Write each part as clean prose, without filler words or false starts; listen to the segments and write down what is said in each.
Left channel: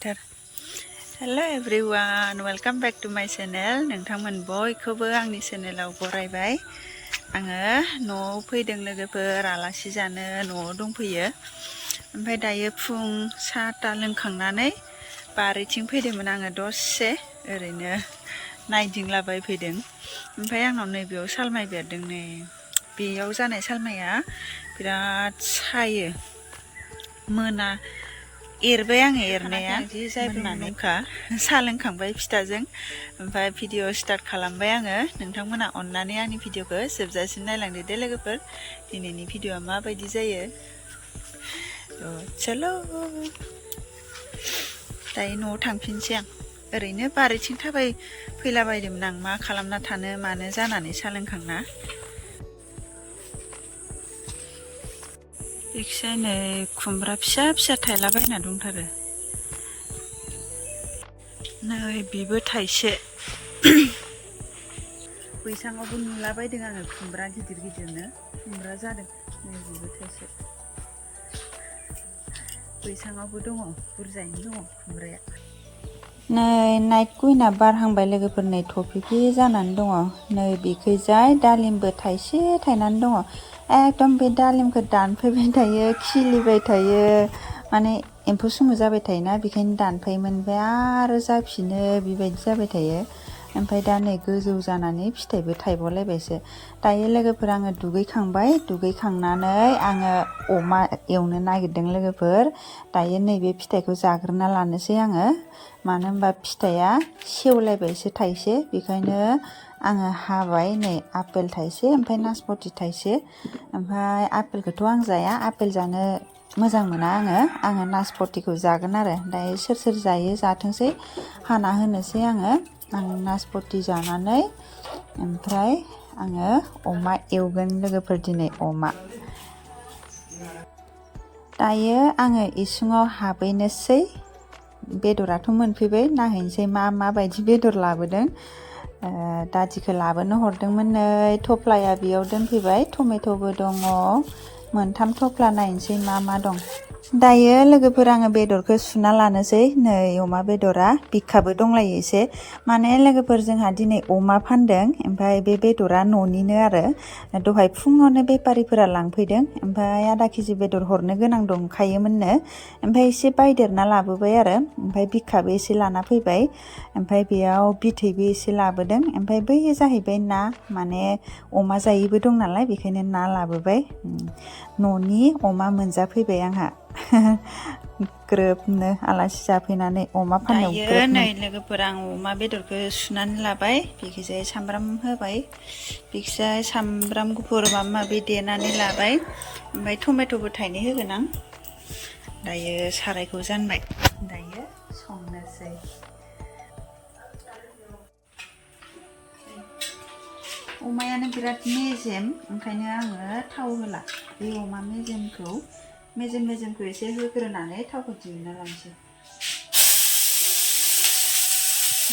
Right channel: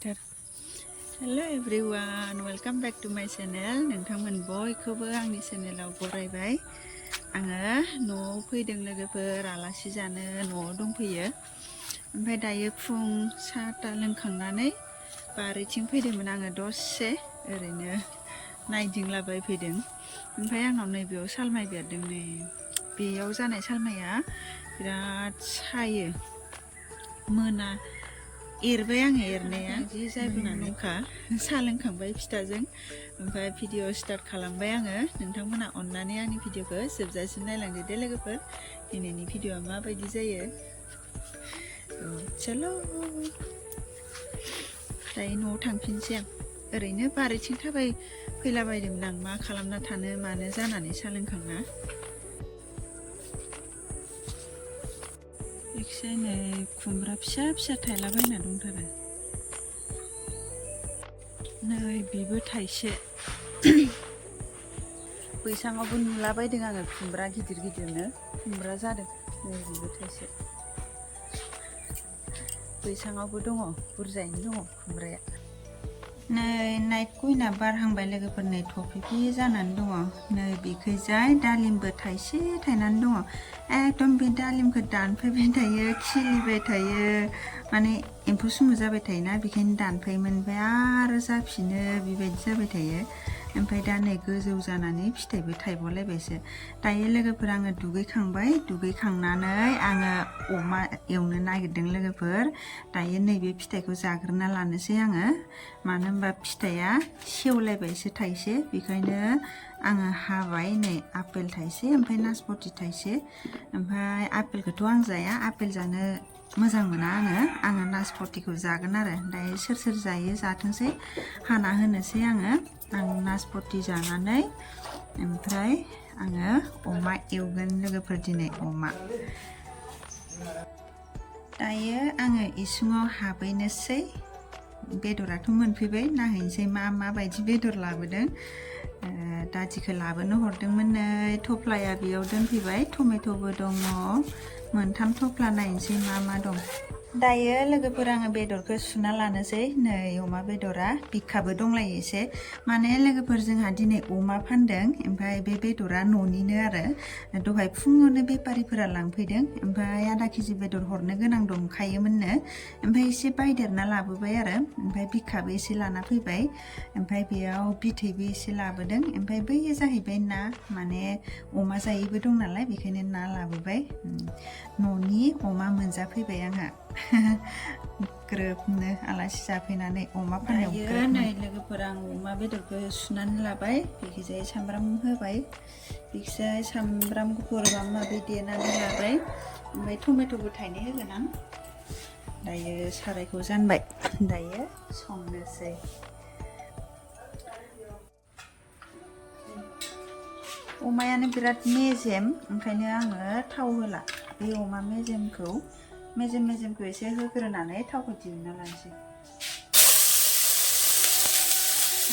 Hello everyone, welcome back to my channel. नोंथांमोन बयखौबो आंनि चेनेलाव बरायबाय। आङो न'आव फैदों लोगोफोर आलासि जानो न'आव दंफैयो। ओमफ्राय दायो फुं साहा लोंखांनानै बारिथिं फैदोंमोन आङो दसे ओरैनो नायदिंलाबाय फैदों। ओमफ्राय आंनाव नैबेयाव सालमाइ बेरदों नै बेयाव जानाय सालमाइया बिराद सायो। मोना एरबाय आङो एरनाया मोननानैखा साहा लोंखांबाय फिथाजों ओमफ्राय भिडिअ स्टार्ट खालामबाय आङो। नोंथांमोना अननानै आंनि भिडिअखौ जोबजासिम नायलांदो दे लोगोफोर। दिनैनि भिडिअआ माबायदि जायो चलो दायो न'आव थांफिनसै आं। ओरैनो बारिथिं थाबाय फैलाबायदोंमोन आं मा खालामना थानो मानो जानानै साहा लोंखांना। बेखिजाय नै खुमब्रा फिसा फिसा थायलाबायना दंथारो। नै बेबो थाइसे बैसाङावबो नुलाबायदों आङो खुमब्रा गिदिर गिदिरनो खुमब्रा जादों। नै बेबो थाइसे बैसाङावबो दङ बुरजायैनो दङ खुमब्राया। नै नाइट कुइनआ बारहांबाय लोगोफोर नै थफिफि जानानै दङ। नै बेखैजाय दालिमबो थाइसे थायनानै दङ। एकदम बे दालिमखौ दानफैबाय थायो खिलिबाय थायो माने एम्फौ सुमु जाबाय थायोना बेखायनो दानफायोमोन ओमफ्राय आरो जाफिनो बेबायदि जाबाय थायो। ओमफ्राय दा नै गोजौ जानानै फिथाइबो थाइबावलायबायसो। दायो लोगोफोर आङो दुगैखांबाय दुगैखांनानै आङो अमा एवनो नागिरदों लोगोफोर। दायो नैबे फिथाइखौ जाग्रोना लानोसै आङो मानो होनबा फिथाइया सेवलायबायसो थाइसे बेखायनो आङो हाबाय। नै आपेल थाइसे ओमफ्राय नासपति थाइसे। ओमफ्राय आपेलखौथ' आं जाया आपेल जानो मोजां मोना आङो नासपतिखौ जागोन आरो। दायो सोर सोर जायो जाथोंसै हाना होनोसै आङो। आं नासपति जानानै ओमफ्राय आङो अमा एवगोन लोगोफोर दिनै अमा। दायो आङो इसिङाव हाबहैनोसै। बेदराथ' मोनफैबाय नायहैनोसै माबायदि बेदर लाबोदों। दादिखौ लाबोनो हरदोंमोन नै थफ्लाया बेयाव दोनफैबाय टमेट'बो दङ मोनथाम थफ्ला नायनोसै मा दं। दायो लोगोफोर आङो बेदरखौ सुना लानोसै। नै अमा बेदरा बिखाबो दंलायो एसे माने लोगोफोर जोंहा दिनै अमा फानदों ओमफ्राय बे बेदरा न'निनो आरो दहाय फुङावनो बेफारिफोरा लांफैदों ओमफ्राय आधा केजि बेदर हरनो गोनां दंखायोमोननो ओमफ्राय एसे बायदेरना लाबोबाय आरो ओमफ्राय बिखाबो एसे लाना फैबाय ओमफ्राय बेयाव बिथैबो एसे लाबोदों ओमफ्राय बैयो जाहैबाय ना माने अमा जायैबो दं नालाय बेखायनो ना लाबोबाय। न'नि अमा मोनजाफैबाय आंहा ग्रोबनो आलासि जाफैनानै अमा फाननायाव ग्रोब। नै लोगोफोर आं अमा बेदरखौ सुनानै लाबाय बेखिजाय सामब्राम होबाय बेखिजाय सामब्राम गुफुर माबा माबि देनानै लाबाय ओमफ्राय टमेट'बो थाइनै होगोन आं। दायो सारायखौ जानबाय दायो संनोसै। अमायानो बिराद मेजेम ओंखायनो आङो थाव होला। बे अमा मेजेमखौ एसे होग्रोनानै थावखौ दिहुनना लानोसै।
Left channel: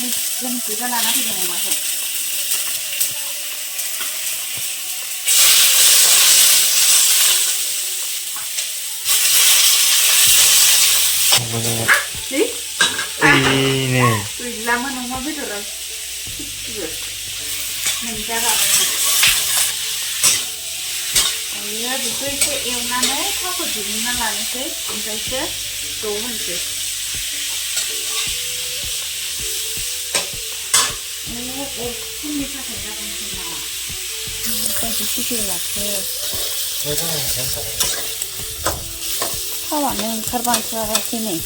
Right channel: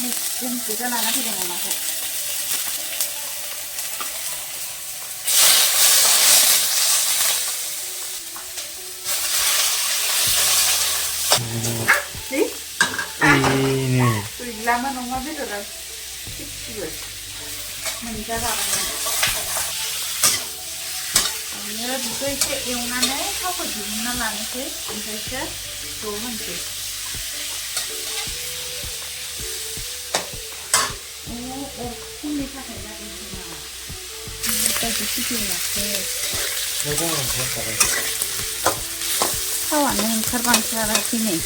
मेजेम गोजा लाना फैदों अमाखौ। गैलामोन अमा बेदरा मोनजागाबाय। दायो बेखौ एसे एवनानै थावखौ दिहुनना लानोसै ओमफ्रायसो ज' होनोसै। अरखुमनि थाखाय जादों खोमा बायदि भिडिअ लाखो थावानो ओंखारबांथाराखै नै।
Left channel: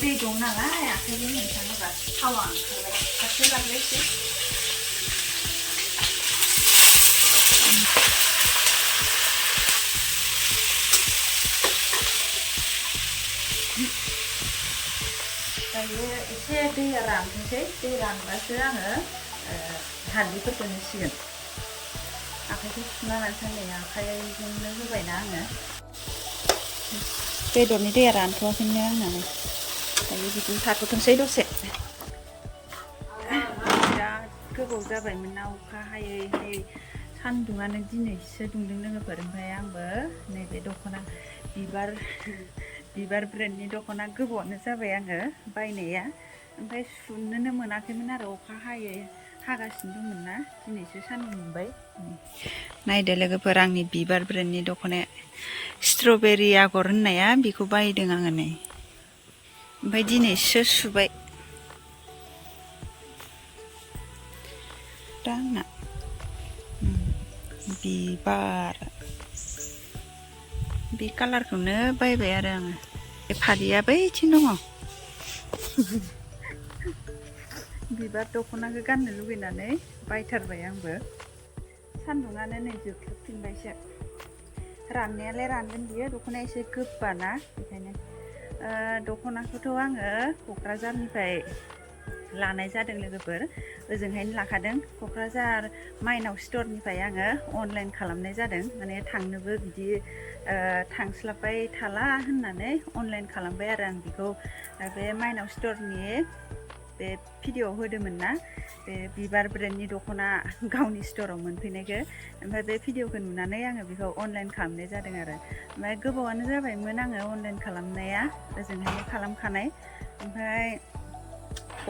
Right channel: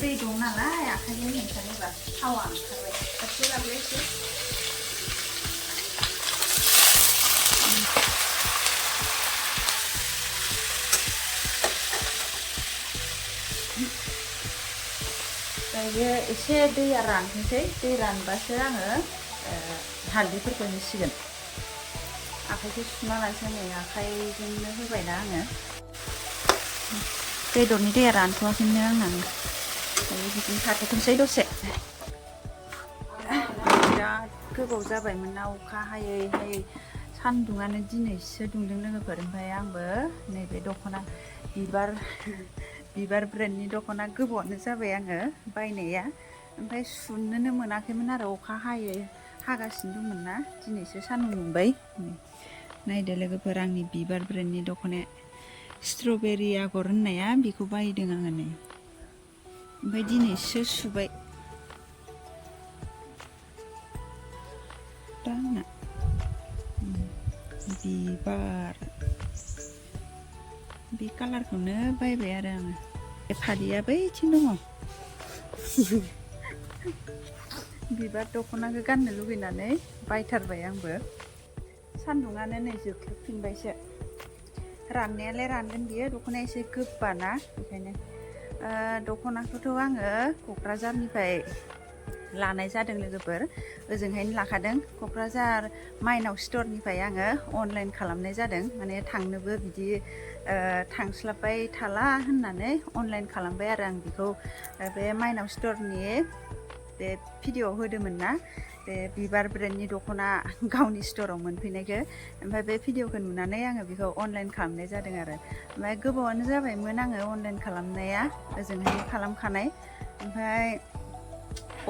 दै दं नालाय आखाइजों हमथानोबा थावा ओंखारबाय खाथियाव लांलायसै। दायो एसे दैया रानथोंसै दै रानबासो आङो हालदैफोरखौ होसिगोन। आखाइखौ सुना लानोसै नै आखाइजोंनो होबायना आङो। बेदरनि दैया रानथ'वाखैनो आंनानो दायो बिदिनो थाथ'थोंसै दसे। बिराद गोबाव जाबायमोन ना अखा हायै सान्दुङानो दिनैसो दुंदों लोगोफोर। ओमफ्राय आंबो नैबे दख'ना बिबार ब्रेन्डनि दख'ना गोबावानो जाबाय आङो बायनाया ओमफ्राय सुनोनो मोनाखैमोन आरो अखा हागासिनो दंमोन ना दिनैसो सान्दुं दुंबाय नायदो लोगोफोर आंनि बिबार ब्रेन्डनि दख'नाया स्ट्रबेरि आगर होननाया बेखौ बायदों आङो नै ओमफ्राय दिनैसो सुबाय दा आंना बिबार बे कालारखौनो बायबाय आरो आङो बे फालिया बैथिं दङ बिबार दख'नाखौ गाननो लुगैनानै बायथारबाय आंबो सान्दुङानो नै जोख्लोबफिनबायसो राननायालाय रानगोन बियो दख'नाया एसे गोबाना बेखायनो दख'नाखौथ' आङो क'क्राझारनिफ्राय लानाय जादों लोगोफोर ओजोंहायनो लाखादों क'क्राझार माइनाव स्टरनिफ्राय आङो अनलाइन खालामनाय जादों माने थांनोबो बिदि थांस्लाबबाय थाला होननानै अनलाइन खालामबाय आरो आं बेखौ बे माइनाव स्टरनि बे भिडिअ'आव होदोंमोन ना बे बिबार ब्रेन्डनि दख'ना गावनि स्टराव मोनफैनायखौ ओमफ्राय बे भिडिअ'खौ नुनानै आङो बेखौ अनलाइन खालामनाय जादों आरो ओमफ्राय गोबावानो जाबायमोन आङो अनलाइन खालामनाया ओजोंहायनो खालामखानाय ओमफ्राय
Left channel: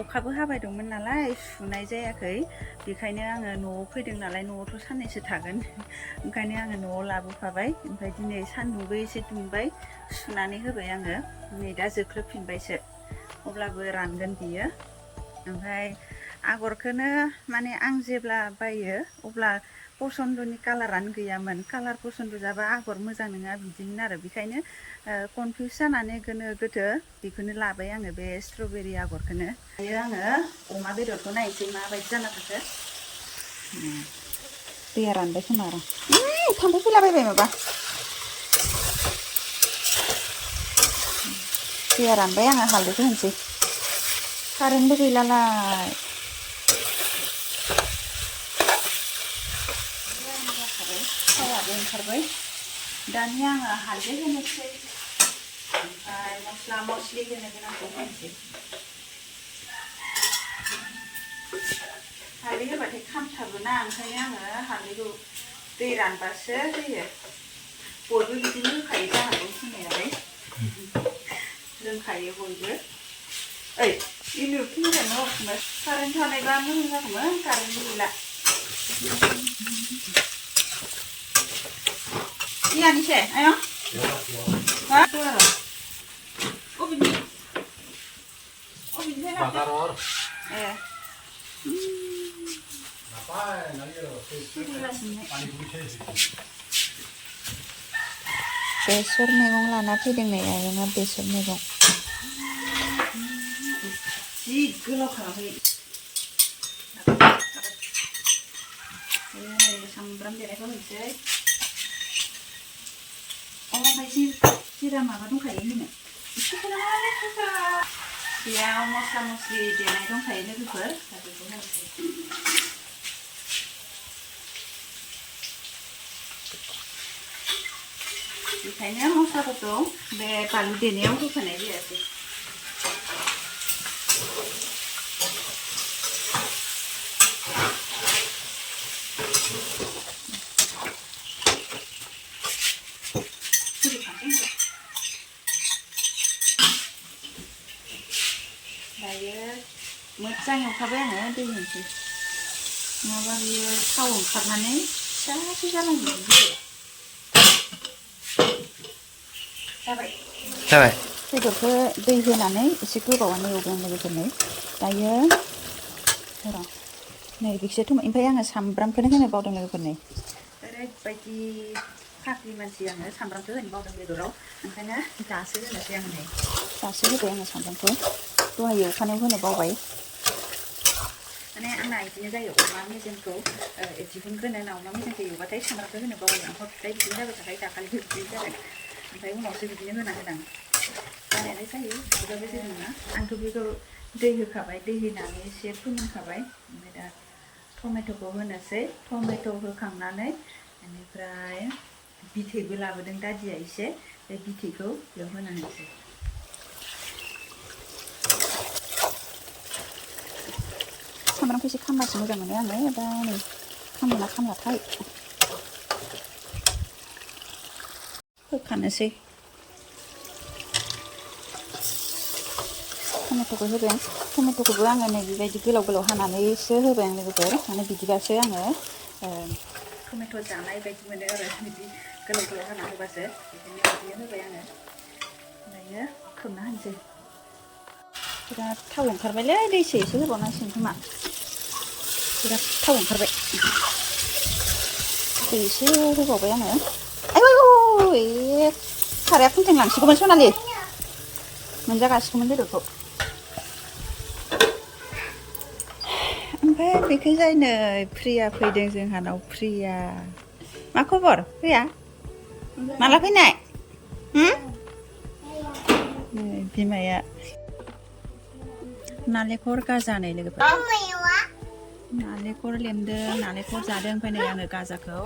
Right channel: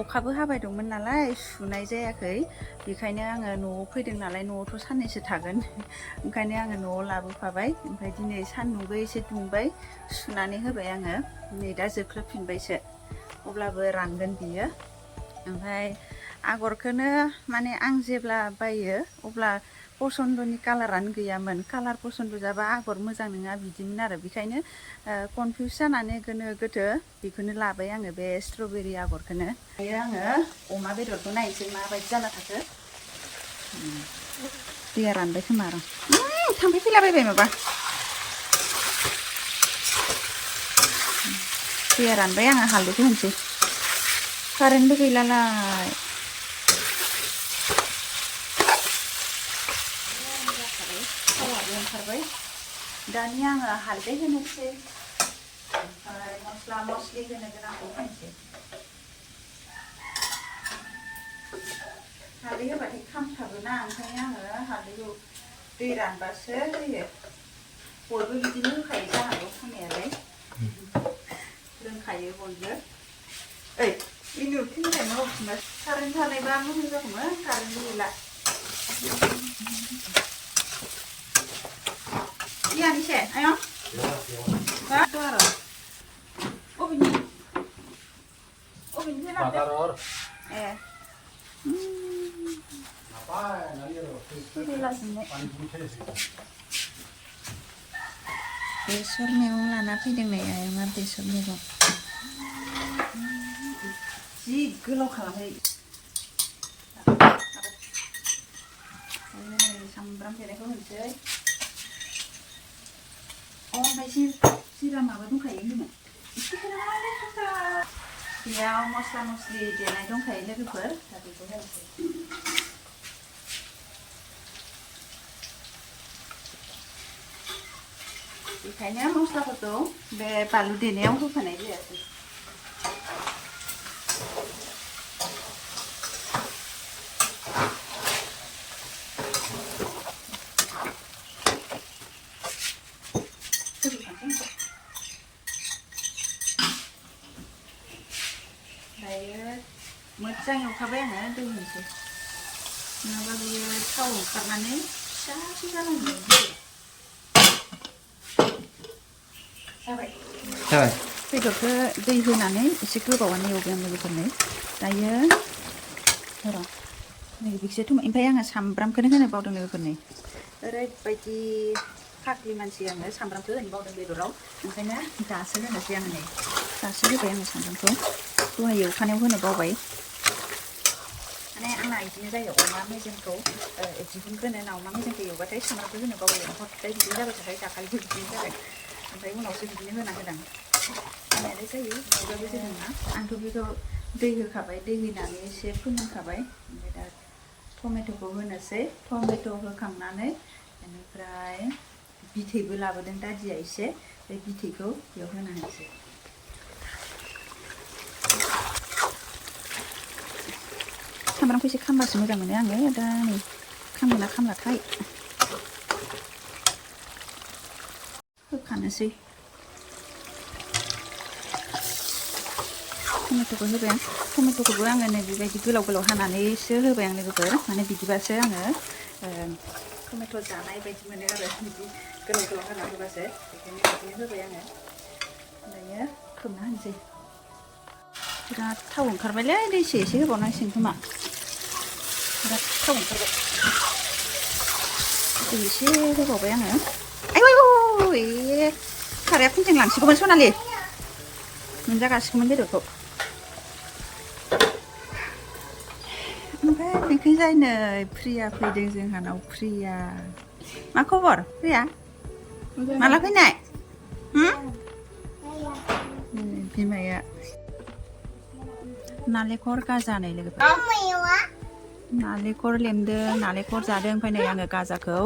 अखाबो हाबाय दंमोन नालाय सुनाय जायाखै बेखायनो आङो न'आव फैदों नालाय न'आवथ' साननैसो थागोन ओंखायनो आङो न'आव लाबोफाबाय ओमफ्राय दिनै सान्दुंबो एसे दुंबाय सुनानै होबाय आङो नै दा जोख्लोबफिनबायसो अब्लाबो रानगोन बियो ओमफ्राय आगरखौनो माने आं जेब्ला बायो अब्ला पसन्दनि कालारानो गैयामोन कालार पसन्द जाबा आगर मोजां नङा बिदिमोन आरो बेखायनो कनफिउस जानानै गोनो गोथो बेखौनो लाबाय आङो बे स्ट्रबेरि आगरखौनो दायो आङो अमा बेदरखौ नायनोसै माबायदि जाना थाखो दैया रानबाय खोमा र' थांबाय फैलाबायबाय माबा दैया रानबाय आङो हालदैखौ होनोसै कारेन्टबो गैलालाय थावाबो ओंखारबाय दानिया आङो हालदै होनोसै ओमफ्राय मस्ला मस्लि होनो गोनांखौ होनोसै हालदै होबाथाय खामथाबोना ओंखायनो आङो हालदैखौ दै रानबासो होयो बयबो बिदिनो होखायो जानांगौ होनायालाय रोंखायो बयबो ओइ इलेक्ट्रिकनिफ्राय न' होफिनबाय कारेन्ट थानायबा मोजां जागौमोन कारेन्ट गैला इयानिसे आयं मा दं अबेनिफ्राय लाबोदों ए बेसर मैगं लाना फैदों नै आयंआ बेसर मैगं जि गोलाव खालामबाय सामब्राम देनायखौ होनोसै ओमफ्राय जिरा माबा दंखायो होनो बेयाव मस्ला मस्लि देनाय दंखायो लोगोफोर दा बेखौ होनोसै बेखायनो मस्लाफोरखौ बे बानलु देनायाव होफानाय जायासै दायो मोजां एवखाबाय आङो दै होनोसै नङाबा बेयो थाव ओंखारनानै फिसासो जालांगोन जाबाय बेदरखौ दै होनानै एसे गोबावानो एवबाय आं लोगोफोरनो दायो र' नै बेखौसो ओमफ्राय आङो सामब्रामखौनो होनो बावदों लोगोफोरनो ओरैबायदि फाग्लि मानसि आङो सामब्रामखौ होनो बावदों बेदराव ओंखायनो दासो होनोसै आङो नै दासो होबाय आङो सामब्रामखौ दहाय एवखानायाव होनो बावबाय माने आंना बिदिनो जायो अमा मेजेमखौ दिहुनग्रोनो ना अमा मेजेमखौ एवबाथाय सामब्रामखौ होनो बावो हरदाय बिदिनो जाबाय थाखायो दाखालिबो बिदिनो जादों ओमफ्राय उनावसो बिदिनो होना होदां जानायालाय जायो माबाबो जेबो नङा आंथ' बेखौ दै होखाबाय दै होनानै एसे फोमोनखाबाय ओमफ्राय दा टमेट'खौ होनोसै टमेट' होखांनानै बेनिफ्राय बिथैबो लाबोदों दादिया एसे बे बिथैखौ बेयाव होना होनोसै सामब्रामखौ एसे खामबासो मोजां मोनो आङो दा नै खामोना खामलाथाय होखानोसै टमेट'खौ होबाय आं टमेट'खौबो आङो नै बेबायदि गोलाव गोलाव हानानैसो होबाय आं लोगोफोर माने बिदिबासो आङो टमेट' जानाय बायदि मोनो आरो बिदि गोलाव गोलाव हाना होबासो बेखायनो बिदिनो होबाय आङो दायो खोबना होनोसै बिराद थाव ओंखारबायलै दैसो एसे होबावनांसिगोन खोमा बिराद थाव ओंखारबाय दै एसे होबावबाय आङो आयौ साराया फुंजों लांसिगौमोन सनालि मोनजागासिगौमोन बेदरखौ ओमफ्राय बेखैजाय नै प्रिया फैदों जोंहानाव प्रिया मा खबर प्रिया माला फैनाय बिमाया नालेंखर गाजानै लोगोफोर नालेंखर लेमदों नालेंखर जादों ओमफ्राय नै आङो गाजाखौ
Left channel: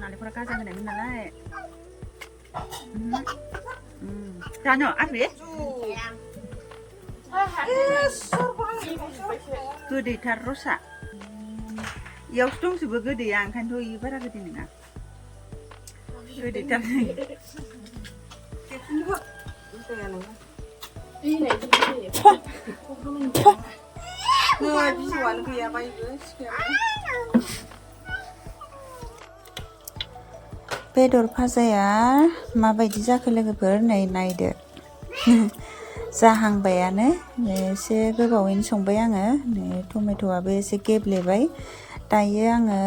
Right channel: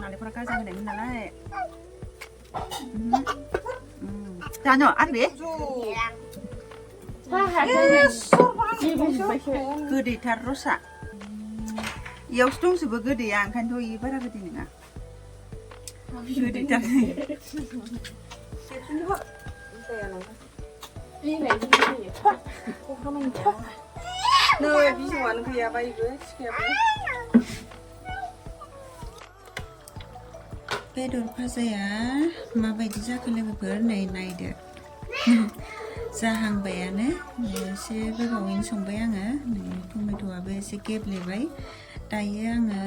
नालेंखरा गाजा होनायमोन नालाय जानो आबे गोदैथार रसा इयावसो दंजोबो गोदैया ओंखायनोथ' इयो बारा गोदै नङा गोदैथार बिजौआनो गैयाबा इबो बेदर भाजाया माबायदि जाखो लोगोफोर नै नायदो जाहांबायानो एसे गोबावैनो संबाय आङो नै टमेट'आबो एसे गेब्लेबाय दायो आङो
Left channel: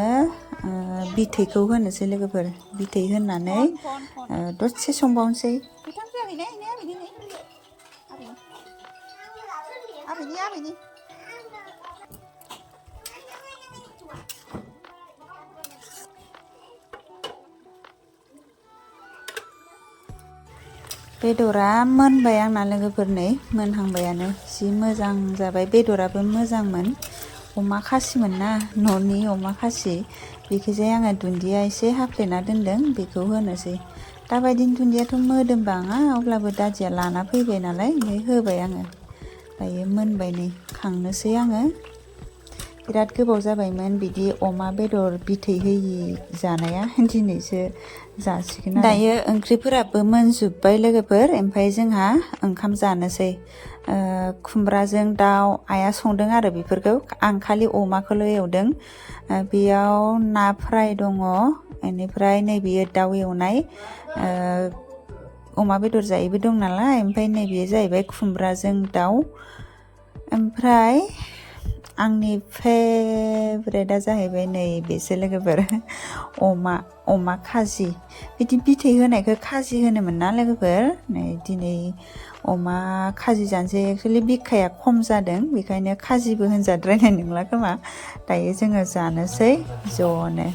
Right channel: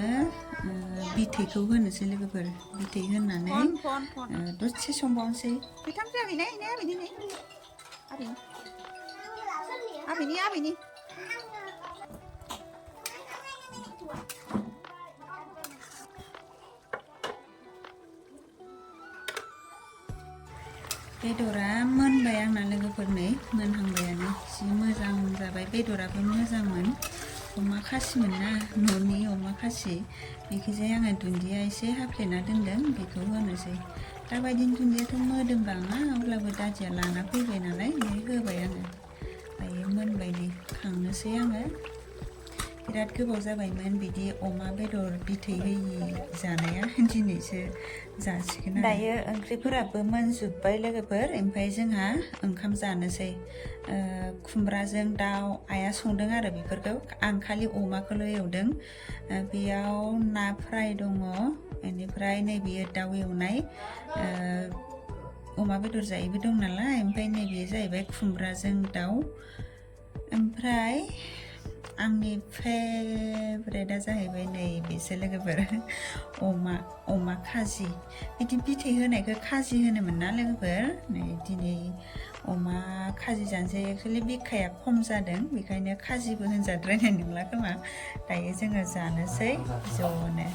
बिथैखौ होनोसै लोगोफोर बिथै होनानै दसे संबावनोसै आबैनि बेदरा मोनबाय आंना लोगोफोर नै मोनहांबायानो जि मोजां जाबाय बेदराबो मोजांमोन अमा खासिमोन ना न'नि अमा खासि बेखैजाय आङो दुन्दिया एसे हाफ्लेना दोनदों बेखौ होनोसै दाबायदिनि दुन्दियाथ' मोदोमबाङा अब्लाबो दादिया लाना फैबाय नालाय होबाय आङो दायो मोनबाय नै खांनोसै आङो बिराद गोबाव जाबायमोन बिदि अमा बेदर बिथै होयि जानाया दिनैसो जासिगोन आरो दायो ओंख्रिफोराबो मोनजोब्बाय लोगोफोर ओमफ्राय जोंहा ओंखाम जानोसै खुमब्राजों दाउ आइया संदों आरो बेफोरखौ आं खालि अमाखौल' एवदों बेयाव ना फ्राय दङ बेनिफ्राय नैबेयो दाउ एवनाय अमा बेदर जायैबो दं नालाय ओमफ्राय नैबेयो जाहैबाय खुमब्राजों दाउ ओमफ्राय आंनि फेभरेटआ जाहैबाय नै बेसो लोगोफोर अमा खाजि बिदि बिथै होनायखौ खाजि होनोमोन ना लोगोफोर नै दिनै अमा खाजि जानोसै एक्सुवेलि बिखाया खम जादों बेखायनो खाजिबो होनजाद्रायनाय नंला खोमा दायो जोङो जानोसै ज'नो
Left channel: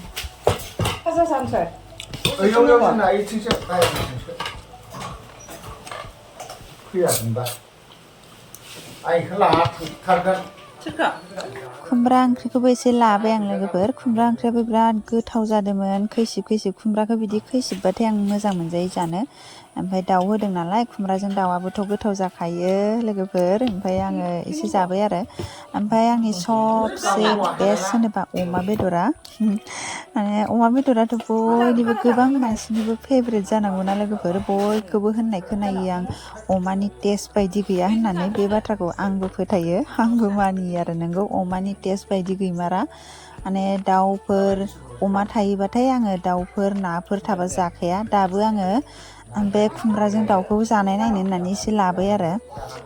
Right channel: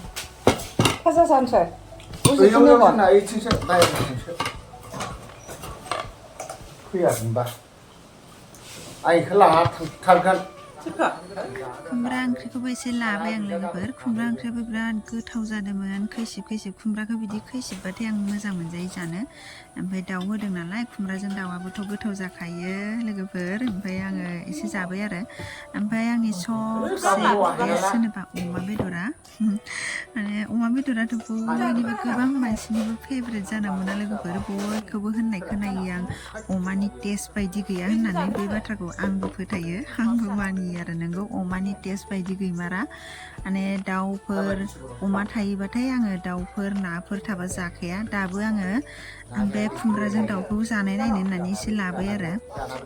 खुमब्रा ओंख्रिखौबो एसे लाबाय आं लोगोफोर खुमब्रा ओंख्रियाबो बिराद गोथाव जादोंमोन खैसिब खुमब्राखौ बिदि खैसिबबाथाय आं मोजां मोनजायो जानो ओमफ्राय दाउ होदों नालाय खुमब्राजों दाउआबोथ' गोथाव जाखायो लोगोफोर ओमफ्राय आङो एसे जाबाय आरो ओमफ्राय आंनि सबसे बेस्ट होनोबा अमा बेदरा माने अमा बेदराथ' बयनिबो गोबां मानसिनिबो फेभरेट जानांगौना लोगोफोर बयखौबो होननाय खोनायो आं अमानि टेस्ट बायदि गैया होननानै बे बाथ्राखौ आंबो फोथायो आंबो मानियो आरो नोंगौ अमानि टेस्ट बायदि गैमारा माने दाउफोर अमा थायोबाथाय आङो दाउफोर नाफोर थाबा जाखाया दाबो आङो बे खुमब्राजों दाउखौ जानाय नायनो होननानै एसे लाबाय आरो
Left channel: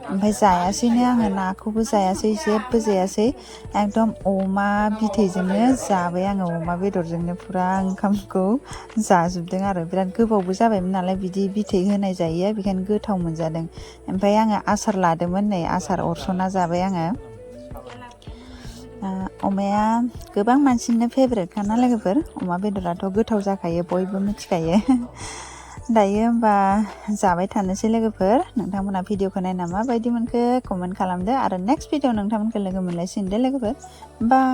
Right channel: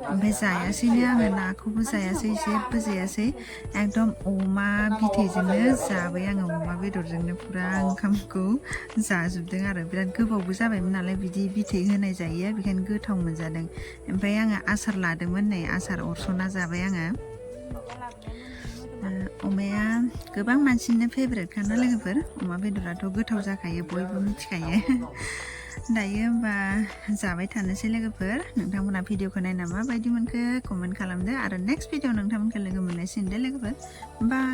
ओमफ्राय जायासैनो आङो नाखौबो जायासै जेबो जायासै एकदम अमा बिथैजोंनो जाबाय आङो अमा बेदरजोंनो फुरा ओंखामखौ जाजोबदों आरो बिराद गोबावबो जाबायमोन नालाय बिदि बिथै होनाय जायो बेखायनो गोथाव मोनजादों ओमफ्राय आङो आसार लादोंमोन नै आसार अरस'ना जाबाय आङो अमाया गोबां मानसिनिनो फेभरेटखा ना लोगोफोर अमा बेदराथ' गोथाव जाखायो बयबो मिथिखायो दायो होमबा जाबाय थानोसै लोगोफोर नोंथांमोना भिडिअखौ नायना माबायदि मोनखो कमेन्ट खालामदो आरो नेक्स्ट भिडिअ नोंथांमोनखौ लोगो मोनलायसिगोन दे लोगोफोर बाय